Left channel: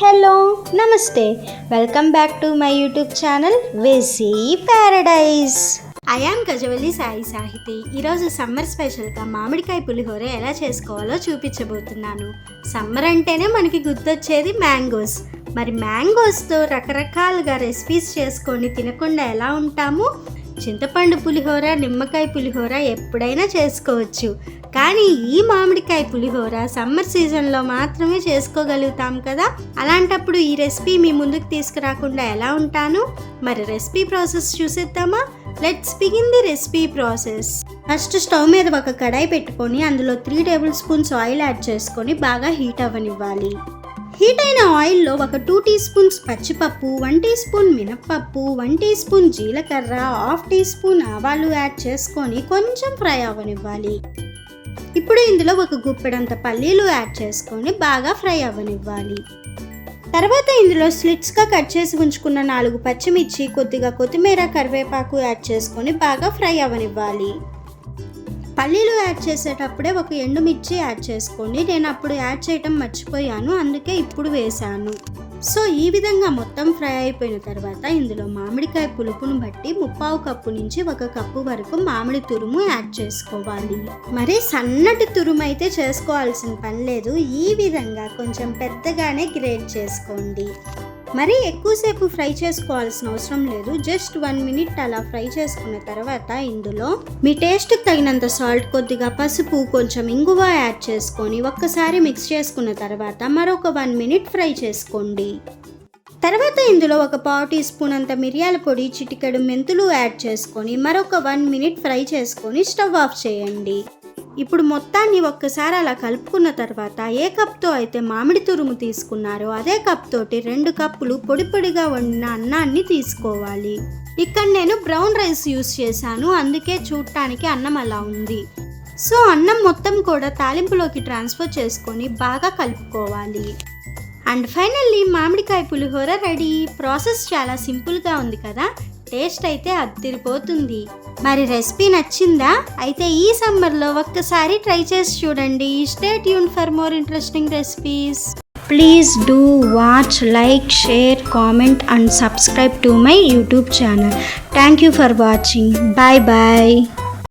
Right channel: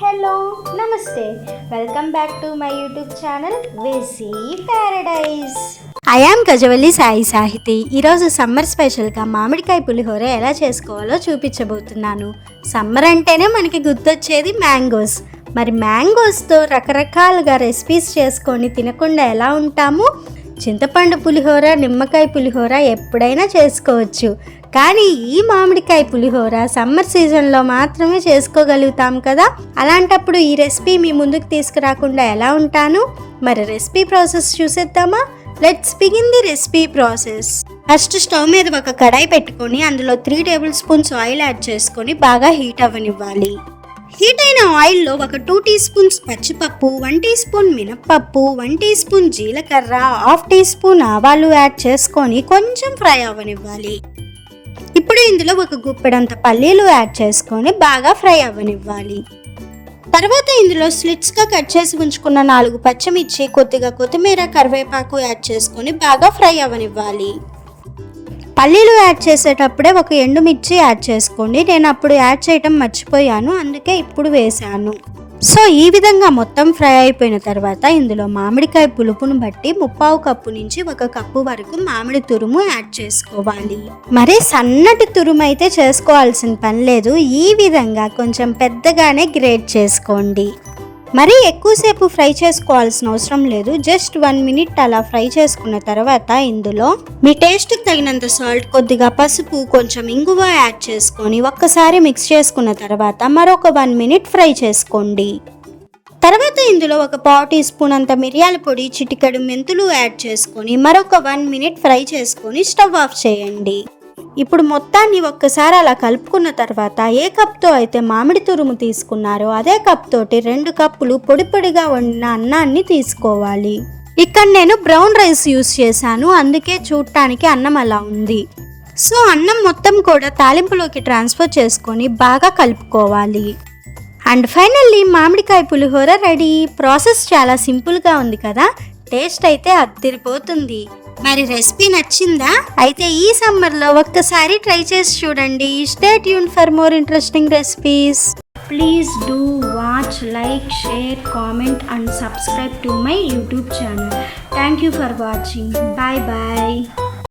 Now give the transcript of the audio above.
Hello నమస్తే welcome back to my YouTube channel వెసీ paradise. I am Gajavalli Sai Sahithi. ఈరోజు summer స్పెషల్గా మామిడికాయ పులిహోర ఎలా చేసుకోవాలో చూపించబోతున్నాను. సమ్మర్ అంటేనే మనకి గుర్తొచ్చేది మ్యాంగోస్. మరి మ్యాంగోస్తో రకరకాలుగా రెసిపీస్ చేసుకొని తినకుండా ఎలా ఉంటాము? చింతపండు పులిహోర, నిమ్మకాయ పులిహోర ఎప్పుడైనా చేసుకోవచ్చు. కానీ ఈ మామిడికాయ పులిహోర సమ్మర్ సీజన్లో మాత్రమే చేసుకోగలుగుతాం కదా. అలాంటప్పుడు ఈ రెసిపీ మీ ముందుకు తీసుకురాకుండా ఎలా ఉంటాను? మరి రెసిపీ ప్రాసెస్ చూసేద్దామా? Let's begin the recipe process. First stove మీద ఒక కడాయి పెట్టుకొని అందులో 3 టేబుల్ స్పూన్స్ ఆయిల్ యాడ్ చేసుకొని బాగా హీట్ అవ్వనివ్వాలి. హీట్ అయిన ఆయిల్లో ఒక 2 టీ స్పూన్స్ పచ్చిపప్పు, 1 టీ స్పూన్ మినప్పప్పు, 1 టీ స్పూన్ జీలకర్ర, 1/2 టీ స్పూన్ ఆవాలు యాడ్ చేసుకొని కొంచెం ఫ్రై అవ్వనివ్వాలి. ఇప్పుడు ఇందులో ఒక గుప్పెడంత పల్లీలు యాడ్ చేసుకొని బాగా ఫ్రై అవ్వనివ్వాలి. తర్వాత ఇందులో స్లిట్స్గా కట్ చేసి ఉంచుకున్న 4 పచ్చిమిర్చి, కొద్దిగా కొత్తిమీర, కరివేపాకు యాడ్ చేసుకొని బాగా ఫ్రై అవ్వనివ్వాలి. పల్లీలు యాడ్ చేసేటప్పుడే ఒక ఎండుమిర్చి యాడ్ చేసుకోండి. నేను అప్పుడు యాడ్ చేయటం మర్చిపోయాను, అందుకే ఇప్పుడు వేసాను. సో ఈ విధంగా మొత్తం ఫ్రై అయిపోయిన తర్వాత ఇందులో మామిడికాయ పులుపును బట్టి 1/4 కప్పు నుంచి 1 కప్పు వరకు మామిడి తురుము యాడ్ చేసుకోవాలి. మరి సన్నటి తురుము అయితే చేసుకోవాల్సిన పని లేదు. ఈ విధంగా కొంచెం పెద్దగానే గ్రేట్ చేసుకోండి. మరీ ఎక్కువసేపు ఫ్రై చేసుకోవాల్సిన అవసరం లేదు. జస్ట్ 1 మినిట్ అలా ఫ్రై చేసుకున్న తర్వాత ఇందులో మీ టేస్ట్కి తగినంత సాల్ట్, కొద్దిగా పసుపు, కొంచెం ఇంగువ యాడ్ చేసుకొని ఒక్కసారి మిక్స్ చేసుకున్న తర్వాత మరొక 1 మినిట్ ఫ్రై చేసుకోండి. తర్వాత ఇందులో ఒక 1/2 టీ స్పూన్ అంత మిరియాల పొడి, చిటికెడు మెంతులు యాడ్ చేసుకొని మరొక 1 మినిట్ ఫ్రై చేసుకొని స్టవ్ ఆఫ్ చేయండి. ఇప్పుడు మొత్తాన్ని ఒక్కసారి అలా కలుపుకున్న తర్వాత ఏ కప్తో అయితే మామిడి తురుము తీసుకున్నారో అదే కప్ తోటి 2 కప్పులు పొడి పొడిగా వండిన అన్నాన్ని తీసుకోవాలి. ఇక్కడ నేను బ్రౌన్ రైస్ యూస్ చేశాను, అందుకే చూడటానికి అన్నం అలా ఉంది. సో అన్నం మొత్తం కూడా తాలింపులోకి ట్రాన్స్ఫర్ చేసుకొని బాగా కలుపుకోవాలి. అండ్ ఫైనల్లీ మామిడికాయ పులిహోర రెడీ. ప్రాసెస్ చాలా సింపుల్గా ఉంది కదా. టేస్ట్ అయితే అదిరిపోతుంది. మరి రెసిపీ నచ్చిందా? అయితే ఈ సమ్మర్లో ఒక్కసారి ట్రై చేసి చూడండి. Stay tune for more interesting recipes. Please do watch, like, share, comment and subscribe to my YouTube channel. Thank you for watching. Bye bye.